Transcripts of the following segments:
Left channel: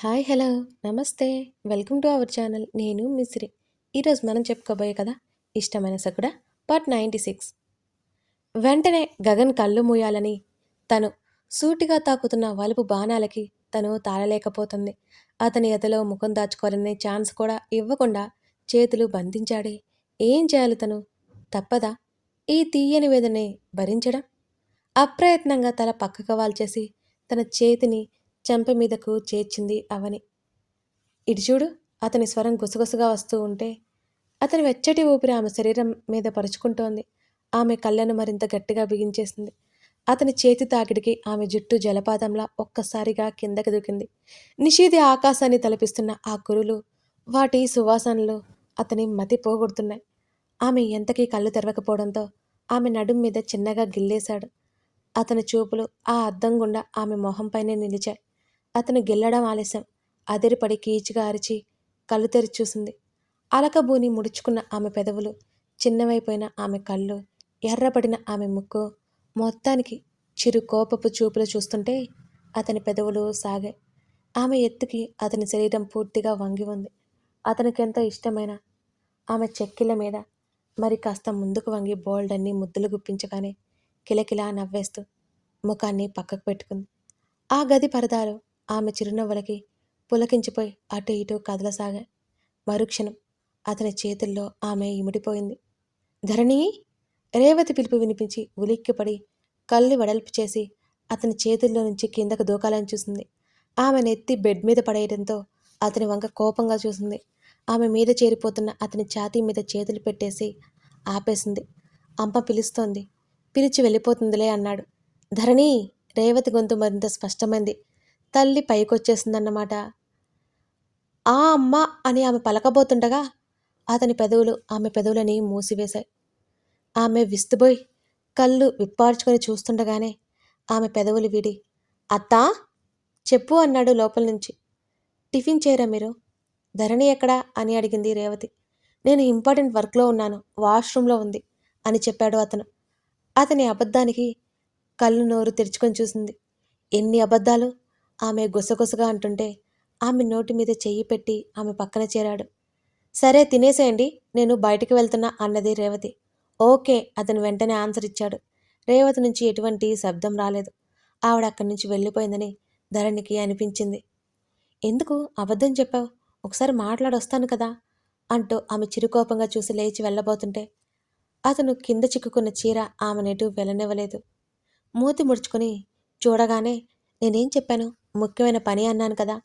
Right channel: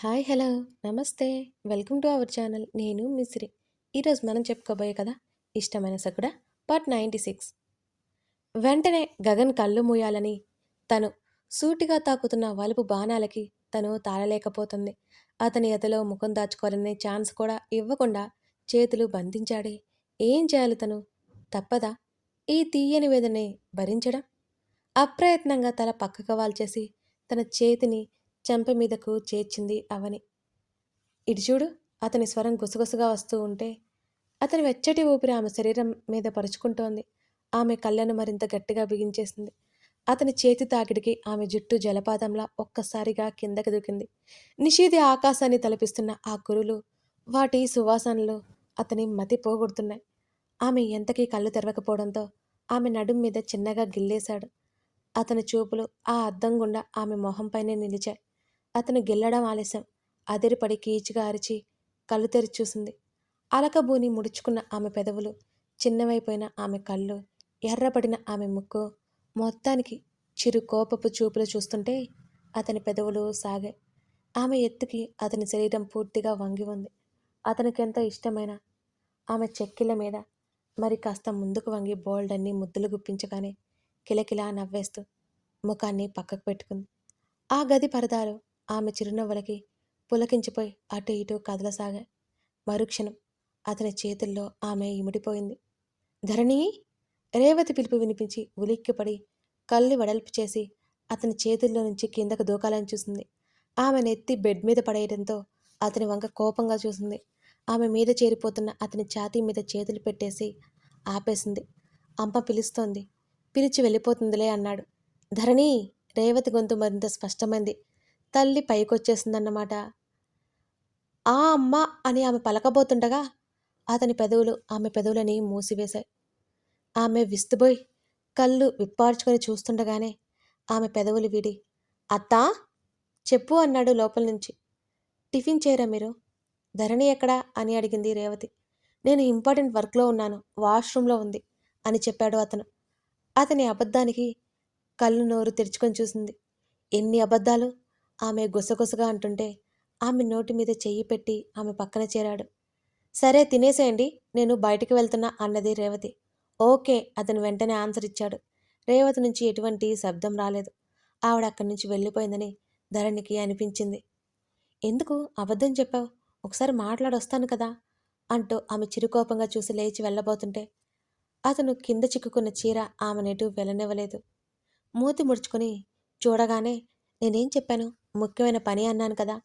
Hi hello. నమస్తే. Welcome to our channel. నేను మిశ్రి ఈరోజు మనం చెప్పుకోబోయే కదా ఇష్టమైన సకుడ పార్ట్ నైంటీ సిక్స్. వెంటనే గగన్ కళ్ళు మూయాలని తను సూటిగా తాకుతున్న వలుపు బాణాలకి తను తాళలేకపోతుంది. అతని ఎదలో ముఖం దాచుకోవాలనే ఛాన్స్ కూడా ఇవ్వకుండా చేతులు బంధించాడే. ఏం చేయాలి తను? తప్పదా? ఈ తీయని వేదనే భరించడం? అప్రయత్నంగా తల పక్కకు వాల్చేసి తన చేతిని చెంప మీదకు చేర్చింది అవని. ఇటు చూడు అతని స్వరం గుసగుసగా వస్తూ ఉంటే అతని వెచ్చటి ఊపిరి ఆమె శరీరం మీద పరుచుకుంటోంది. ఆమె కళ్ళను మరింత గట్టిగా బిగించేసింది. అతని చేతి తాకిడికి ఆమె జుట్టు జలపాతంలా ఒక్కసారిగా కిందకి దూకింది. నిషేధి ఆకాశాన్ని తలపిస్తున్న ఆ కురులు వాటి సువాసనలు అతని మతి పోగొడుతున్నాయి. ఆమె ఎంతకీ కళ్ళు తెరవకపోవడంతో ఆమె నడుం మీద చిన్నగా గిల్లేశాడు. అతని చూపులు ఆ అద్దం గుండా ఆమె మొహంపైనే నిలిచాయి. అతను గిల్లడం ఆలస్యం. అదిరిపడి కీచుగా అరిచి కళ్ళు తెరిచి చూసింది. అలకబూని ముడుచుకున్న ఆమె పెదవులు చిన్నవైపోయిన ఆమె కళ్ళు ఎర్రపడిన ఆమె ముక్కు మొత్తానికి చిరు కోపపు చూపులు చూస్తుంటే అతని పెదవులు సాగాయి. ఆమె ఎత్తుకి అతని శరీరం పూర్తిగా వంగి ఉంది. అతనికి ఇష్టమైన ఆమె చెక్కిల మీద మరి కాస్త ముందుకు వంగి బోల్డ్ అన్ని ముద్దులు గుప్పించగానే కిలకిలా నవ్వేస్తూ ముఖాన్ని పక్కకు పెట్టుకుంది. ఆ గది పరదాలు ఆమె చిరునవ్వులకి పులకించిపోయి అటు ఇటు కదలసాగా. మరుక్షణం అతని చేతుల్లో ఆమె ఇమిడిపోయింది. ధరణి! రేవతి పిలుపు వినిపించి ఉలిక్కిపడి కళ్ళు వెడల్పు చేసి అతని చేతుల్లో నుంచి కిందకు దూకాలని చూసింది. ఆమె నెత్తి బెడ్ మీద పడేయడంతో అతని వంక కోపంగా చూసింది. ఆమె మీద చేరిపోతున్న అతని ఛాతీ మీద చేతులు పెట్టేసి ఆపేసింది. అంప పిలుస్తోంది. పిలిచి వెళ్ళిపోతుందిలే అన్నాడు. ధరణి! రేవతి గొంతు మరింత స్పష్టమైంది. తల్లి పైకొచ్చేసిందన్నమాట. ఆ అమ్మ అని ఆమె పలకబోతుండగా అతని పెదవులు ఆమె పెదవులని మూసివేశాయి. ఆమె విస్తుబోయి కళ్ళు విప్పార్చుకొని చూస్తుండగానే ఆమె పెదవులు విడి అత్తా చెప్పు అన్నాడు లోపల నుంచి. టిఫిన్ చేయరా మీరు? ధరణి ఎక్కడా? అని అడిగింది రేవతి. నేను ఇంపార్టెంట్ వర్క్లో ఉన్నాను వాష్రూమ్లో ఉంది అని చెప్పాడు అతను. అతని అబద్ధానికి కళ్ళు నోరు తెరుచుకొని చూసింది. ఎన్ని అబద్ధాలు? ఆమె గుసగుసగా అంటుంటే ఆమె నోటి మీద చెయ్యి పెట్టి ఆమె పక్కన చేరాడు. సరే తినేసేయండి నేను బయటికి వెళ్తున్నా అన్నది రేవతి. ఓకే అతను వెంటనే ఆన్సర్ ఇచ్చాడు. రేవతి నుంచి ఎటువంటి శబ్దం రాలేదు. ఆవిడ అక్కడి నుంచి వెళ్ళిపోయిందని ధరణికి అనిపించింది. ఎందుకు అబద్ధం చెప్పావు? ఒకసారి మాట్లాడొస్తాను కదా అంటూ ఆమె చిరుకోపంగా చూసి లేచి వెళ్ళబోతుంటే అతను కింద చిక్కుకున్న చీర ఆమె నెటు వెళ్ళనివ్వలేదు మూతి ముడుచుకొని చూడగానే నేనేం చెప్పాను? ముఖ్యమైన పని అన్నాను కదా.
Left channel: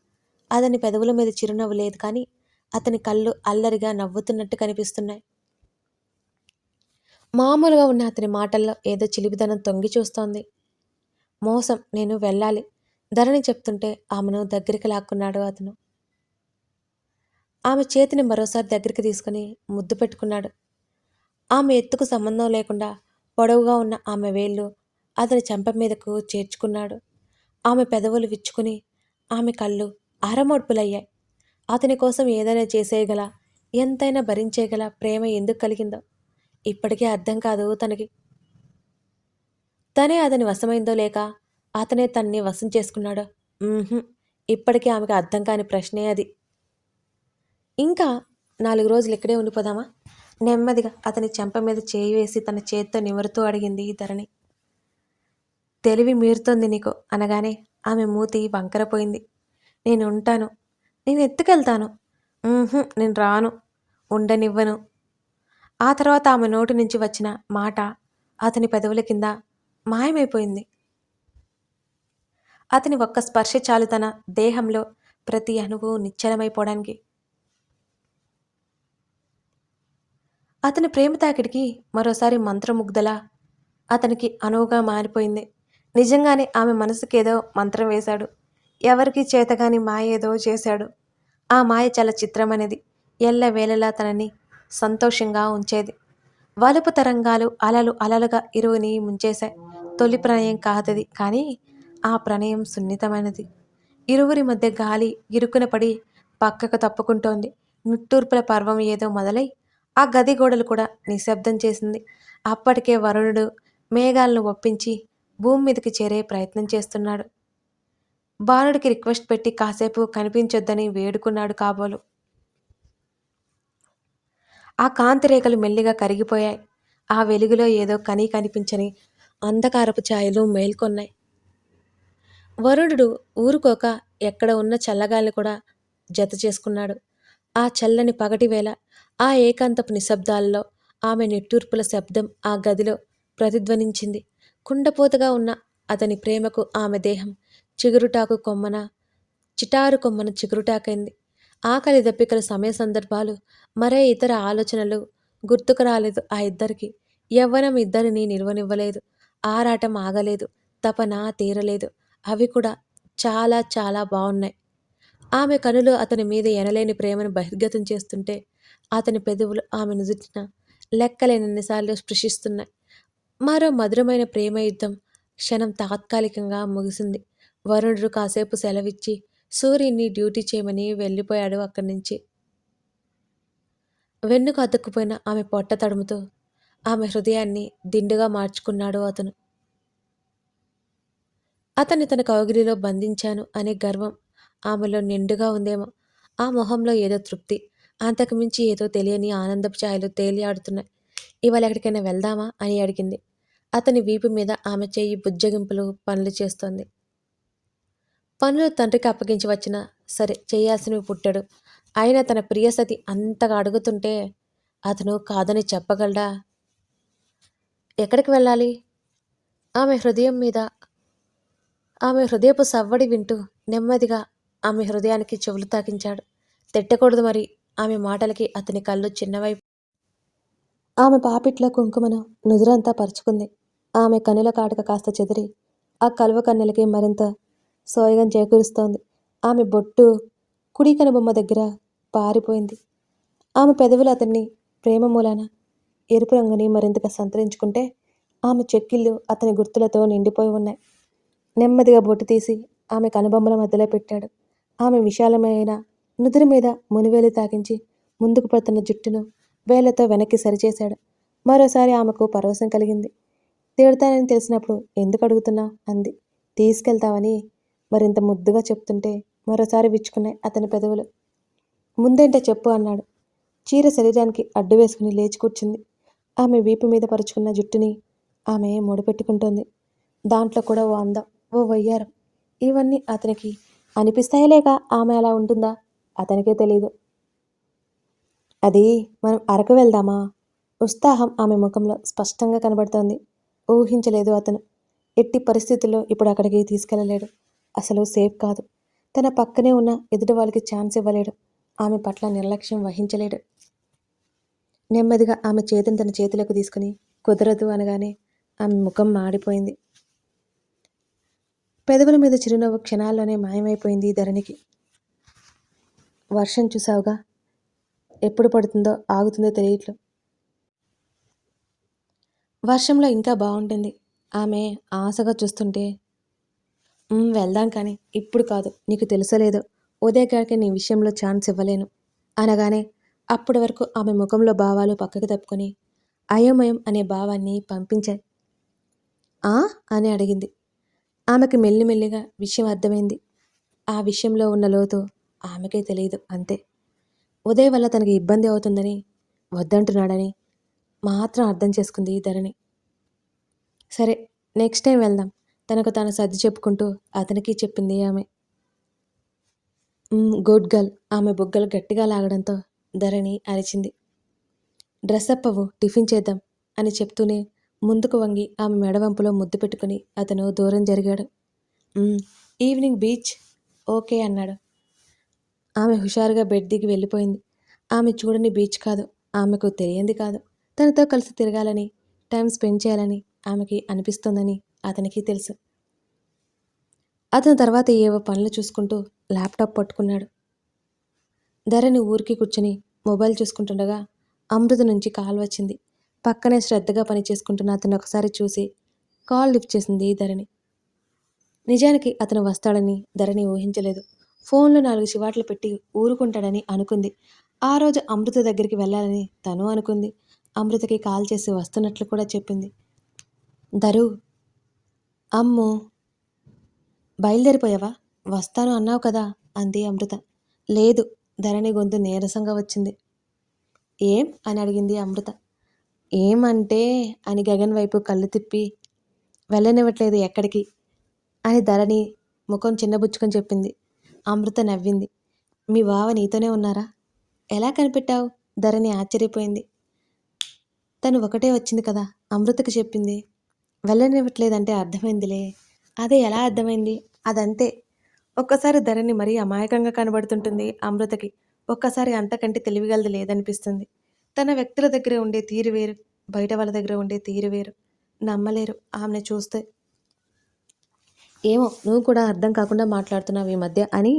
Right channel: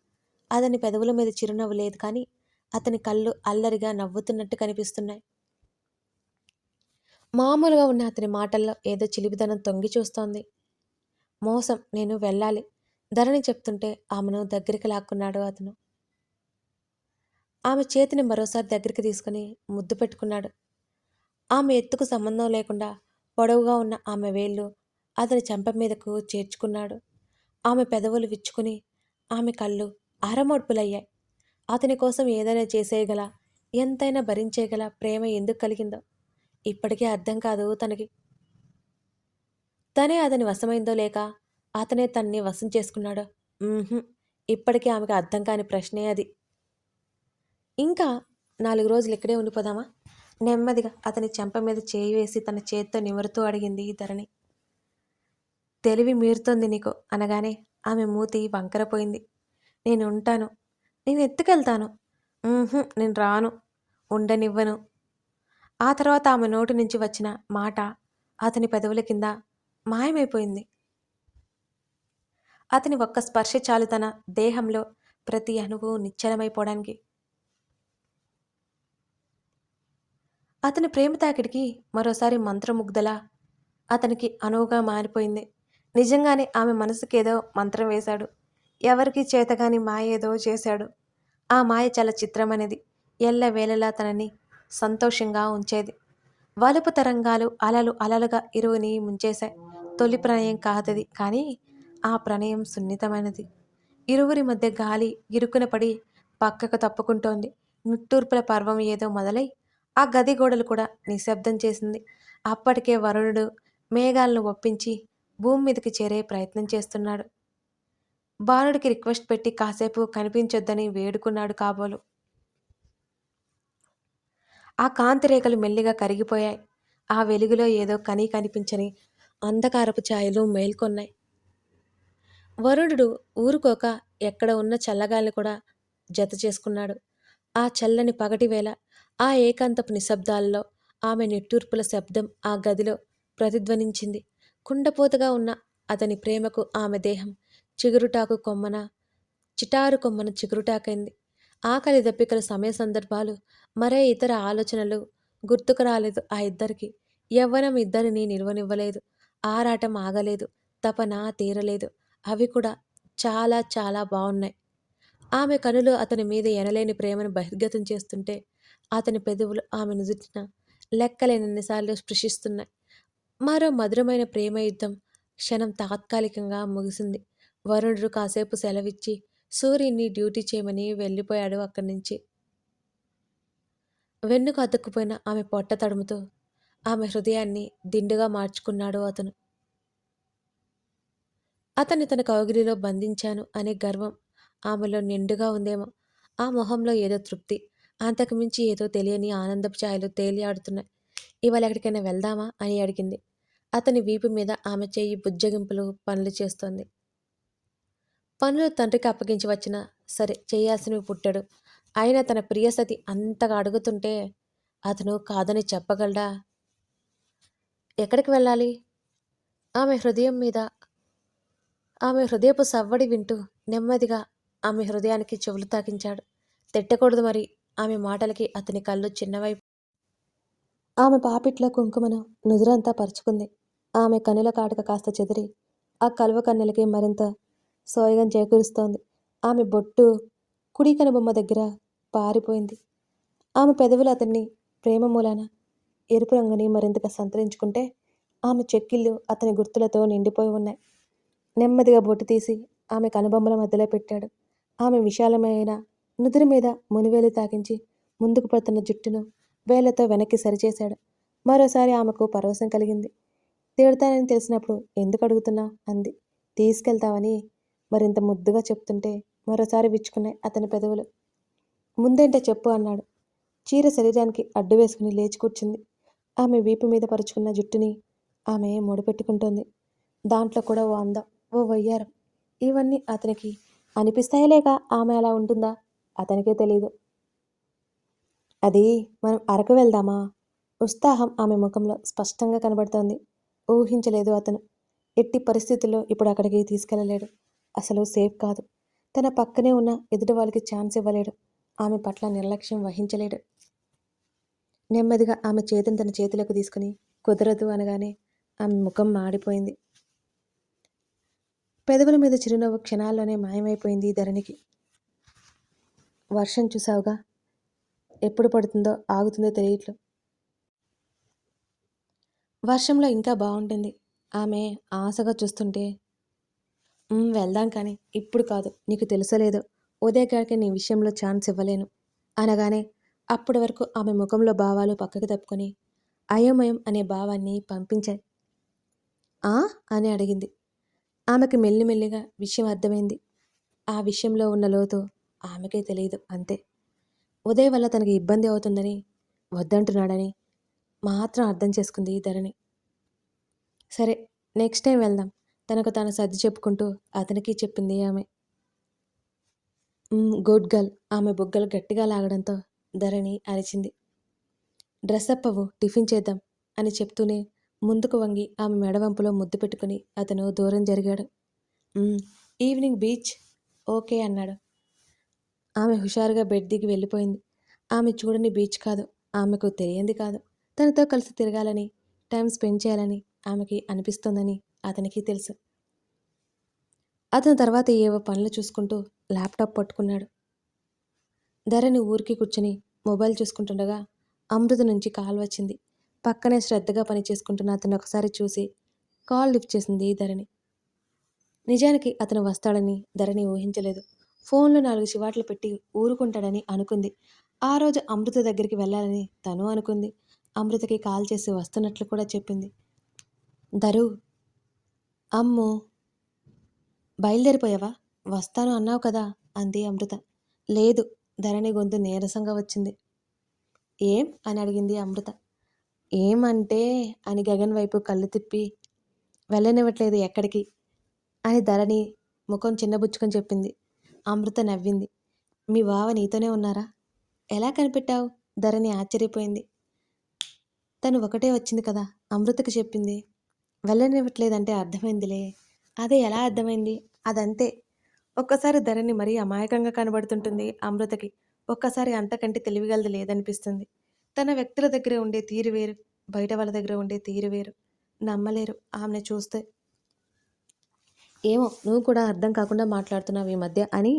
అతని పెదవుల మీద చిరునవ్వు లేదు కానీ అతని కళ్ళు అల్లరిగా నవ్వుతున్నట్టు కనిపిస్తున్నాయి. మామూలుగా ఉన్న అతని మాటల్లో ఏదో చిలిపిదనం తొంగి చూస్తోంది. మోసం నేను వెళ్ళాలి. ధరణి చెప్తుంటే ఆమెను దగ్గరికి లాక్కున్నాడు అతను. ఆమె చేతిని మరోసారి దగ్గరికి తీసుకుని ముద్దు పెట్టుకున్నాడు. ఆమె ఎత్తుకు సంబంధం లేకుండా పొడవుగా ఉన్న ఆమె వేళ్ళు అతని చెంప మీదకు చేర్చుకున్నాడు. ఆమె పెదవులు విచ్చుకుని ఆమె కళ్ళు అరమోడ్పులయ్యాయి అతని కోసం ఏదైనా చేసేయగల ఎంతైనా భరించేయగల ప్రేమ ఎందుకు కలిగిందో ఇప్పటికీ అర్థం కాదు తనకి. తనే అతని వశమైందో లేక అతనే తన్ని వశం చేసుకున్నాడో? ఇప్పటికీ ఆమెకు అర్థం కాని ప్రశ్నే అది. ఇంకా నాలుగు రోజులు ఇక్కడే ఉండిపోదామా? నెమ్మదిగా అతని చెంప మీద చేయి వేసి తన చేత్తో నివరుతూ అడిగింది ధరణి. తెలివి మీరుతోంది నీకు? అనగానే ఆమె మూతి వంకరపోయింది. నేను ఉంటాను. నేను ఎత్తుకెళ్తాను. నేను రాను. ఉండనివ్వను. ఆ తర్వాత ఆమె నోటి నుంచి వచ్చిన మాట అతని పెదవుల కింద మాయమైపోయింది. అతని ఒక్క స్పర్శ చాలు తన దేహంలో ప్రతి అణువు నిశ్చలమైపోవడానికి. అతని ప్రేమ తాకిడికి మరోసారి మంత్రముగ్ధల అతనికి అనువుగా మారిపోయింది. నిజంగానే ఆమె మనసుకేదో మంత్రం వేశాడు. ఎవరికి చేతగాని మాయ ఏదో చేశాడు. ఆ మాయ చాలా చిత్రమనేది ఎల్లవేళలా తనని సంతోషంగా ఉంచేది. వలుపు తరంగాలు అలలు అలలుగా ఇరువుని ముంచేశాయి. తొలి ప్రణయం కాదది కానీ ఆ ప్రణయం సున్నితమైనది. ఇరువురి మధ్య గాలి ఇరుకున పడి పక్కకు తప్పుకుంటోంది. నిట్టూర్పుల పర్వం ఏదో మొదలై ఆ గది గోడలు కూడా నిశ్శబ్దం చేసింది. అప్పటికే వరుణుడు మేఘాలను ఒప్పించి భూమి మీదకి చేరే ప్రయత్నం చేస్తున్నాడు. బాలుడికి రిక్వెస్ట్ పెట్టి కాసేపు కనిపించొద్దని వేడుకున్నాడు కాబోలు. ఆ కాంతి రేఖలు మెల్లిగా కరిగిపోయాయి. ఆ వెలుగులో ఏదో కనీ కనిపించని అంధకారపు ఛాయలు మేల్కొన్నాయి. వరుణుడు ఊరుకోక ఎక్కడ ఉన్న చల్లగాల్ని కూడా జత చేసుకున్నాడు. ఆ చల్లని పగటి వేళ ఆ ఏకాంతపు నిశ్శబ్దాల్లో ఆమె నిట్టూర్పుల శబ్దం ఆ గదిలో ప్రతిధ్వనించింది. కుండపోతగా ఉన్న అతని ప్రేమకు ఆమె దేహం చిగురుటాకు కొమ్మన చిటారు కొమ్మన చిగురుటాకైంది. ఆకలి దప్పికల సమయ సందర్భాలు మరే ఇతర ఆలోచనలు గుర్తుకు రాలేదు ఆ ఇద్దరికి. యవ్వనం ఇద్దరిని నిల్వనివ్వలేదు. ఆరాటం ఆగలేదు. తపన తీరలేదు. అవి కూడా చాలా చాలా బాగున్నాయి ఆమె కనులు అతని మీద ఎనలేని ప్రేమను బహిర్గతం చేస్తుంటే అతని పెదవులు ఆమె నుదుటిన లెక్కలేనన్నిసార్లు స్పృశిస్తున్నాయి. మరో మధురమైన ప్రేమ యుద్ధం క్షణం తాత్కాలికంగా ముగిసింది. వరుణుడు కాసేపు సెలవిచ్చి సూర్యుని డ్యూటీ చేయమని వెళ్ళిపోయాడు అక్కడి నుంచి. వెన్నుకు అతుక్కుపోయిన ఆమె పొట్ట తడుముతో ఆమె హృదయాన్ని దిండుగా మార్చుకున్నాడు అతను. అతన్ని తన కౌగిలిలో బంధించాను అనే గర్వం ఆమెలో నిండుగా ఉందేమో ఆ మొహంలో ఏదో తృప్తి అంతకుమించి ఏదో తెలియని ఆనందపు ఛాయలు తేలియాడుతున్నాయి ఇవాళ ఎక్కడికైనా వెళ్దామా? అని అడిగింది. అతని వీపు మీద ఆమె చేయి బుజ్జగింపులు పనులు చేస్తోంది. పనులు తండ్రికి అప్పగించి వచ్చినా సరే చేయాల్సినవి పుట్టాడు. ఆయన తన ప్రియసతి అంతగా అడుగుతుంటే అతను కాదని చెప్పగలడా? ఎక్కడికి వెళ్ళాలి? ఆమె హృదయం మీద ఆమె హృదయపు సవ్వడి వింటూ నెమ్మదిగా ఆమె హృదయానికి చెవులు తాకించాడు. తిట్టకూడదు మరి. ఆమె మాటలకి అతని కళ్ళు చిన్నవై ఆమె పాపిట్ల కుంకుమను నుదురంతా పరుచుకుంది. ఆమె కనుల కాటక కాస్త చెదిరి ఆ కలువ కన్నెలకి మరింత సోయగం చేకూరుస్తోంది. ఆమె బొట్టు కుడి కనుబొమ్మ దగ్గర పారిపోయింది. ఆమె పెదవులు అతన్ని ప్రేమ మూలాన ఎరుపు రంగుని మరింతగా సంతరించుకుంటే ఆమె చెక్కిళ్ళు అతని గుర్తులతో నిండిపోయి ఉన్నాయి. నెమ్మదిగా బొట్టు తీసి ఆమె కనుబొమ్మల మధ్యలో పెట్టాడు. ఆమె విశాలమైన నుదురు మీద మునివేలు తాకించి ముందుకు పడుతున్న జుట్టును వేళ్ళతో వెనక్కి సరిచేశాడు. మరోసారి ఆమెకు పరవశం కలిగింది. తిడతానని తెలిసినప్పుడు ఎందుకు అడుగుతున్నా? అంది. తీసుకెళ్తావని మరింత ముద్దుగా చెప్తుంటే మరోసారి విచ్చుకున్నాయి అతని పెదవులు. ముందేంటో చెప్పు అన్నాడు. చీర శరీరానికి అడ్డు వేసుకుని లేచి కూర్చుంది. ఆమె వీపు మీద పరుచుకున్న జుట్టుని ఆమె ముడిపెట్టుకుంటోంది. దాంట్లో కూడా ఓ అందం ఓ వయ్యారం. ఇవన్నీ అతనికి అనిపిస్తాయలేక ఆమె అలా ఉంటుందా? అతనికే తెలియదు అది మనం అరకు వెళ్దామా? ఉత్సాహం ఆమె ముఖంలో స్పష్టంగా కనబడుతోంది. ఊహించలేదు అతను. ఎట్టి పరిస్థితుల్లో ఇప్పుడు అక్కడికి తీసుకెళ్ళలేడు అసలు సేఫ్ కాదు. తన పక్కనే ఉన్న ఎదుటి వాళ్ళకి ఛాన్స్ ఇవ్వలేడు. ఆమె పట్ల నిర్లక్ష్యం వహించలేడు. నెమ్మదిగా ఆమె చేతిని తన చేతులకు తీసుకుని కుదరదు అనగానే ఆమె ముఖం మాడిపోయింది. పెదవుల మీద చిరునవ్వు క్షణాల్లోనే మాయమైపోయింది ధరణికి. వర్షం చూసావుగా ఎప్పుడు పడుతుందో ఆగుతుందో తెలియట్లు వర్షంలో ఇంకా బాగుంటుంది. ఆమె ఆశగా చూస్తుంటే వెళ్దాం కానీ ఇప్పుడు కాదు నీకు తెలుసలేదు. ఉదయ్ గారికి నీ విషయంలో ఛాన్స్ ఇవ్వలేను. అనగానే అప్పటి వరకు ఆమె ముఖంలో భావాలు పక్కకు తప్పుకొని అయోమయం అనే భావాన్ని పంపించాయి ఆ? అని అడిగింది. ఆమెకి మెల్లిమెల్లిగా విషయం అర్థమైంది. ఆ విషయంలో ఉన్న లోతు ఆమెకే తెలియదు అంతే. ఉదయ్ వల్ల తనకి ఇబ్బంది అవుతుందని వద్దంటున్నాడని మాత్రం అర్థం చేసుకుంది ధరణి. సరే నెక్స్ట్ టైం వెళ్దాం. తనకు తాను సర్ది చెప్పుకుంటూ అతనికి చెప్పింది ఆమె. Good girl. ఆమె బుగ్గలు గట్టిగా లాగడంతో ధరణి అరిచింది. డ్రెస్ అప్ అవ్వు టిఫిన్ చేద్దాం అని చెప్తూనే ముందుకు వంగి ఆమె మెడవంపులో ముద్దు పెట్టుకుని అతను దూరం జరిగాడు. ఈవినింగ్ బీచ్ ఓకే అన్నాడు. ఆమె హుషారుగా బెడ్ దిగి వెళ్ళిపోయింది. ఆమె చూడని బీచ్ కాదు ఆమెకు తెలియంది కాదు. తనతో కలిసి తిరగాలని టైం స్పెండ్ చేయాలని ఆమెకి అనిపిస్తోందని అతనికి తెలుసు. అతని తర్వాత ఏవో పనులు చూసుకుంటూ ల్యాప్టాప్ పట్టుకున్నాడు. ధరణి ఊరికి కూర్చుని మొబైల్ చూసుకుంటుండగా అమృత నుంచి కాల్ వచ్చింది. పక్కనే శ్రద్ధగా పని చేసుకుంటున్న అతను ఒకసారి చూసి కాల్ లిఫ్ట్ చేసింది ధరణి. నిజానికి అతను వస్తాడని ధరణి ఊహించలేదు. ఫోన్లో నాలుగు చివాట్లు పెట్టి ఊరుకుంటాడని అనుకుంది. ఆ రోజు అమృత దగ్గరికి వెళ్ళాలని తను అనుకుంది. అమృతకి కాల్ చేసి వస్తున్నట్లు కూడా చెప్పింది. ధరు! అమ్మో! బయలుదేరిపోయావా? వస్తాను అన్నావు కదా! అంది అమృత. లేదు! ధరణి గొంతు నీరసంగా వచ్చింది. ఏం? అని అడిగింది అమృత. ఏమంటే? అని గగన్ వైపు కళ్ళు తిప్పి. వెళ్ళనివ్వట్లేదు ఎక్కడికి? అని ధరణి ముఖం చిన్నబుచ్చుకొని చెప్పింది. అమృత నవ్వింది. మీ బావ నీతోనే ఉన్నారా? ఎలా కనిపెట్టావు? ధరణి ఆశ్చర్యపోయింది. తను ఒకటే వచ్చింది కదా అమృతకి చెప్పింది. వెళ్ళనివ్వట్లేదంటే అర్థమైందిలే. అదే ఎలా అర్థమైంది? అదంతే. ఒక్కసారి ధరణి మరీ అమాయకంగా కనబడుతుంటుంది అమృతకి. ఒక్కసారి అంతకంటే తెలివిగలది లేదనిపిస్తుంది. తన వ్యక్తుల దగ్గర ఉండే తీరు వేరు బయట వాళ్ళ దగ్గర ఉండే తీరు వేరు. నమ్మలేరు ఆమెను చూస్తే. ఏమో నువ్వు కూడా అర్థం కాకుండా మాట్లాడుతున్నావు ఈ మధ్య అని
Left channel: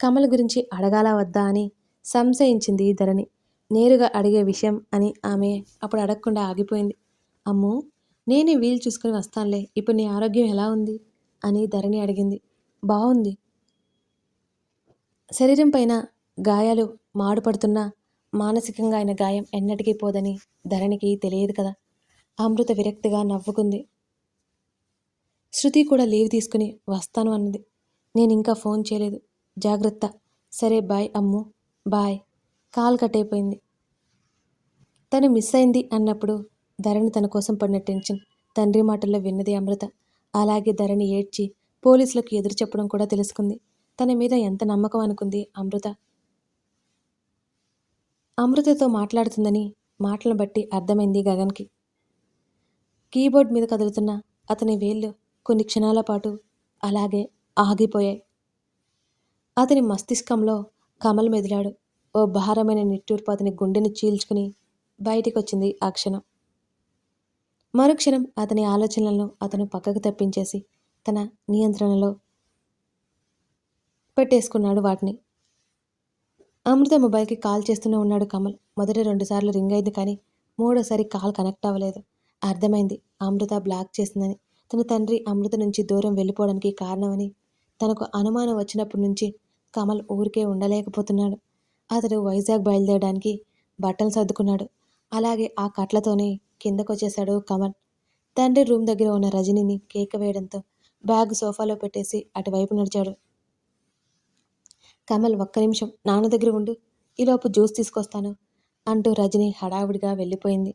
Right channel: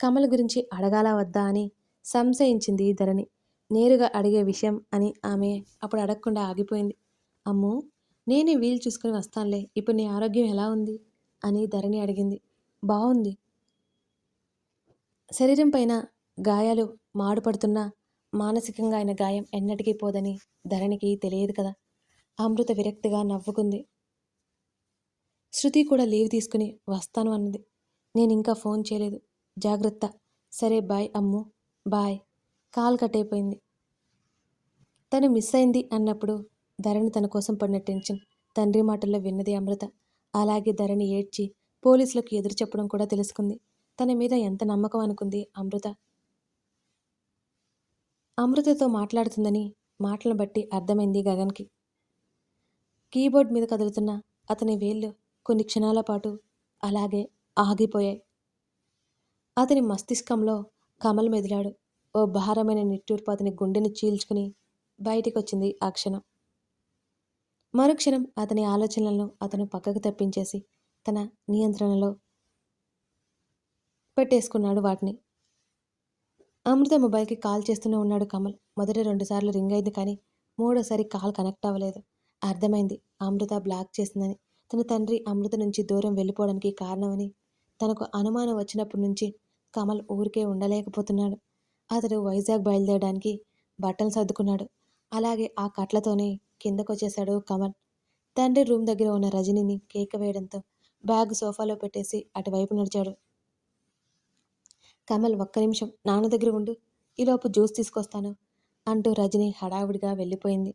కమల్ గురించి అడగాల వద్దా అని సంశయించింది ధరణి. నేరుగా అడిగే విషయం అని ఆమె అప్పుడు అడగకుండా ఆగిపోయింది. అమ్మో నేనే వీలు చూసుకుని వస్తానులే ఇప్పుడు నీ ఆరోగ్యం ఎలా ఉంది? అని ధరణి అడిగింది. బాగుంది శరీరం పైన గాయాలు మాడుపడుతున్నా మానసికంగా ఆయన గాయం ఎన్నటికీ పోదని ధరణికి తెలియదు కదా. అమృత విరక్తిగా నవ్వుకుంది. శృతి కూడా లీవ్ తీసుకుని వస్తాను అన్నది. నేను ఇంకా ఫోన్ చేయలేదు. జాగ్రత్త. సరే bye Ammu. Bye. Call cut అయిపోయింది. తను మిస్ అయింది అన్నప్పుడు ధరణి తన కోసం పడిన టెన్షన్ తండ్రి మాటల్లో విన్నది అమృత. అలాగే ధరణి ఏడ్చి పోలీసులకు ఎదురు చెప్పడం కూడా తెలుసుకుంది. తన మీద ఎంత నమ్మకం అనుకుంది అమృత. అమృతతో మాట్లాడుతుందని మాటలను బట్టి అర్థమైంది గగన్కి. కీబోర్డ్ మీద కదులుతున్న అతని వేళ్ళు కొన్ని క్షణాల పాటు అలాగే ఆగిపోయాయి. అతని మస్తిష్కంలో కమల్ మెదిలాడు. ఓ భారమైన నిట్టూర్పు అతని గుండెని చీల్చుకుని బయటికి వచ్చింది ఆ క్షణం. మరుక్షణం అతని ఆలోచనలను అతను పక్కకు తప్పించేసి తన నియంత్రణలో పెట్టేసుకున్నాడు వాటిని. అమృత మొబైల్కి కాల్ చేస్తూనే ఉన్నాడు కమల్. మొదట రెండుసార్లు రింగ్ అయింది కానీ మూడోసారి కాల్ కనెక్ట్ అవ్వలేదు. అర్థమైంది. అమృత బ్లాక్ చేసిందని తన తండ్రి అమృత నుంచి దూరం వెళ్ళిపోవడానికి కారణమని తనకు అనుమానం వచ్చినప్పటి నుంచి కమల్ ఊరికే ఉండలేకపోతున్నాడు. అతడు వైజాగ్ బయలుదేరడానికి బట్టలు సర్దుకున్నాడు. అలాగే ఆ కట్లతోనే కిందకొచ్చేశాడు కమల్. తండ్రి రూమ్ దగ్గర ఉన్న రజనిని కేక వేయడంతో బ్యాగ్ సోఫాలో పెట్టేసి అటువైపు నడిచాడు. కమల్ ఒక్క నిమిషం నాన్న దగ్గర ఉండు ఈలోపు జ్యూస్ తీసుకొస్తాను అంటూ రజని హడావుడిగా వెళ్ళిపోయింది.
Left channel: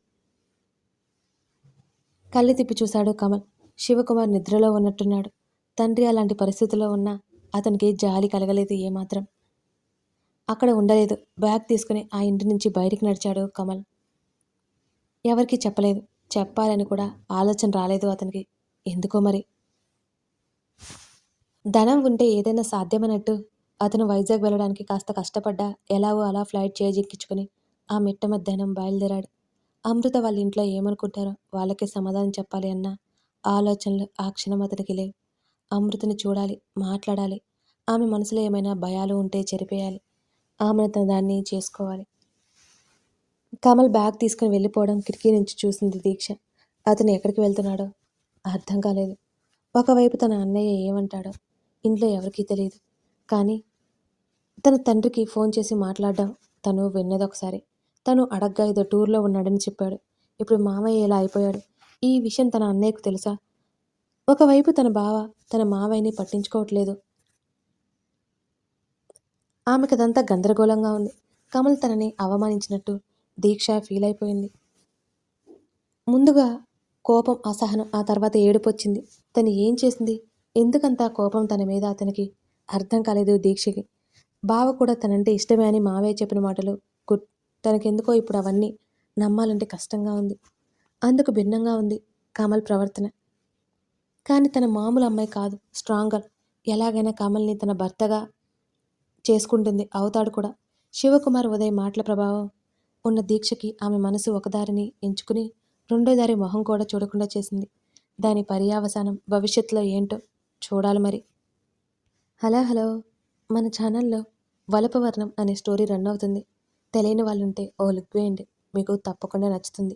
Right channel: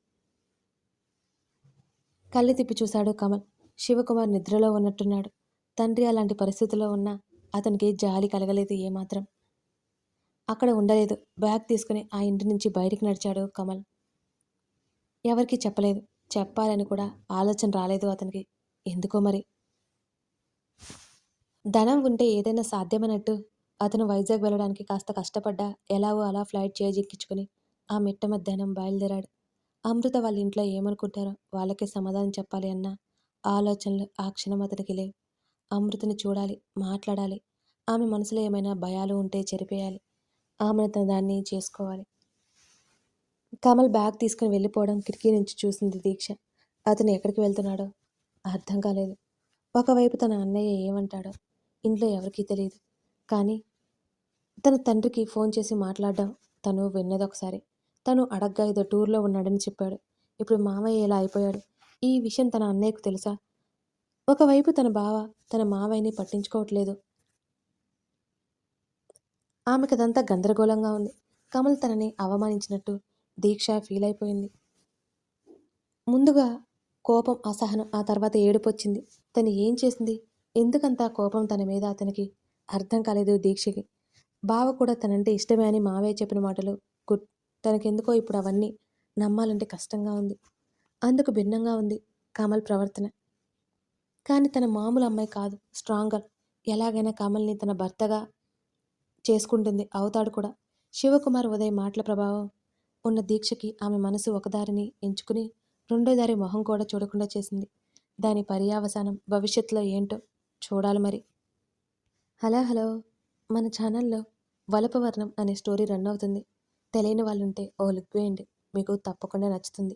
కళ్ళు తిప్పి చూశాడు కమల్. శివకుమార్ నిద్రలో ఉన్నట్టున్నాడు. తండ్రి అలాంటి పరిస్థితుల్లో ఉన్నా అతనికి జాలి కలగలేదు ఏమాత్రం. అక్కడ ఉండలేదు. బ్యాగ్ తీసుకుని ఆ ఇంటి నుంచి బయటికి నడిచాడు కమల్. ఎవరికి చెప్పలేదు. చెప్పాలని కూడా ఆలోచన రాలేదు అతనికి. ఎందుకో మరి? ధనం ఉంటే ఏదైనా సాధ్యమన్నట్టు అతను వైజాగ్ వెళ్ళడానికి కాస్త కష్టపడ్డా ఎలాగో అలా ఫ్లైట్ చేజిక్కించుకుని ఆ మిట్ట మధ్యాహ్నం బయలుదేరాడు. అమృత వాళ్ళ ఇంట్లో ఏమనుకుంటారో వాళ్ళకే సమాధానం చెప్పాలి అన్నా ఆలోచనలు ఆ క్షణం అతనికి లేవు. అమృతని చూడాలి మాట్లాడాలి. ఆమె మనసులో ఏమైనా భయాలు ఉంటే చెరిపేయాలి. ఆమెను తన దాన్ని చేసుకోవాలి. కమల్ బ్యాగ్ తీసుకుని వెళ్ళిపోవడం కిటికీ నుంచి చూసింది దీక్ష. అతను ఎక్కడికి వెళ్తున్నాడో అర్థం కాలేదు. ఒకవైపు తన అన్నయ్య ఏమంటాడో ఇంట్లో ఎవరికీ తెలియదు. కానీ తన తండ్రికి ఫోన్ చేసి మాట్లాడడం తను విన్నది ఒకసారి. తను అడగ్గా ఏదో టూర్లో ఉన్నాడని చెప్పాడు. ఇప్పుడు మామయ్య ఎలా అయిపోయాడు. ఈ విషయం తన అన్నయ్యకు తెలుసా? ఒకవైపు తన బావ తన మావయ్యని పట్టించుకోవట్లేదు. ఆమెకు అదంతా గందరగోళంగా ఉంది. కమల్ తనని అవమానించినట్టు దీక్ష ఫీల్ అయిపోయింది ముందుగా కోపం అసహనం ఆ తర్వాత ఏడుపు వచ్చింది తను ఏం చేసింది? ఎందుకంత కోపం తన మీద అతనికి అర్థం కాలేదు దీక్షకి. బావ కూడా తనంటే ఇష్టమే అని మావయ్య చెప్పిన మాటలు గుడ్. తనకెందుకో ఇప్పుడు అవన్నీ నమ్మాలంటే కష్టంగా ఉంది. అందుకు భిన్నంగా ఉంది కమల్ ప్రవర్తన. కానీ తన మామూలు అమ్మాయి కాదు స్ట్రాంగర్. ఎలాగైనా కమల్ని తన భర్తగా చేసుకుంటుంది అవుతాడు కూడా. శివకుమార్ ఉదయ్ మాటల ప్రభావం ఉన్న దీక్షకి ఆమె మనసు ఒకదారిని ఎంచుకుని రెండో దారి మొహం కూడా చూడకుండా చేసింది. దాని పర్యావసానం భవిష్యత్తులో ఏంటో చూడాలి మరి. హలో హలో మన ఛానల్లో వలపవర్ణం అనే స్టోరీ రన్ అవుతుంది. తెలియని వాళ్ళుంటే ఓ లుక్ వేయండి మీకు తప్పకుండా నచ్చుతుంది.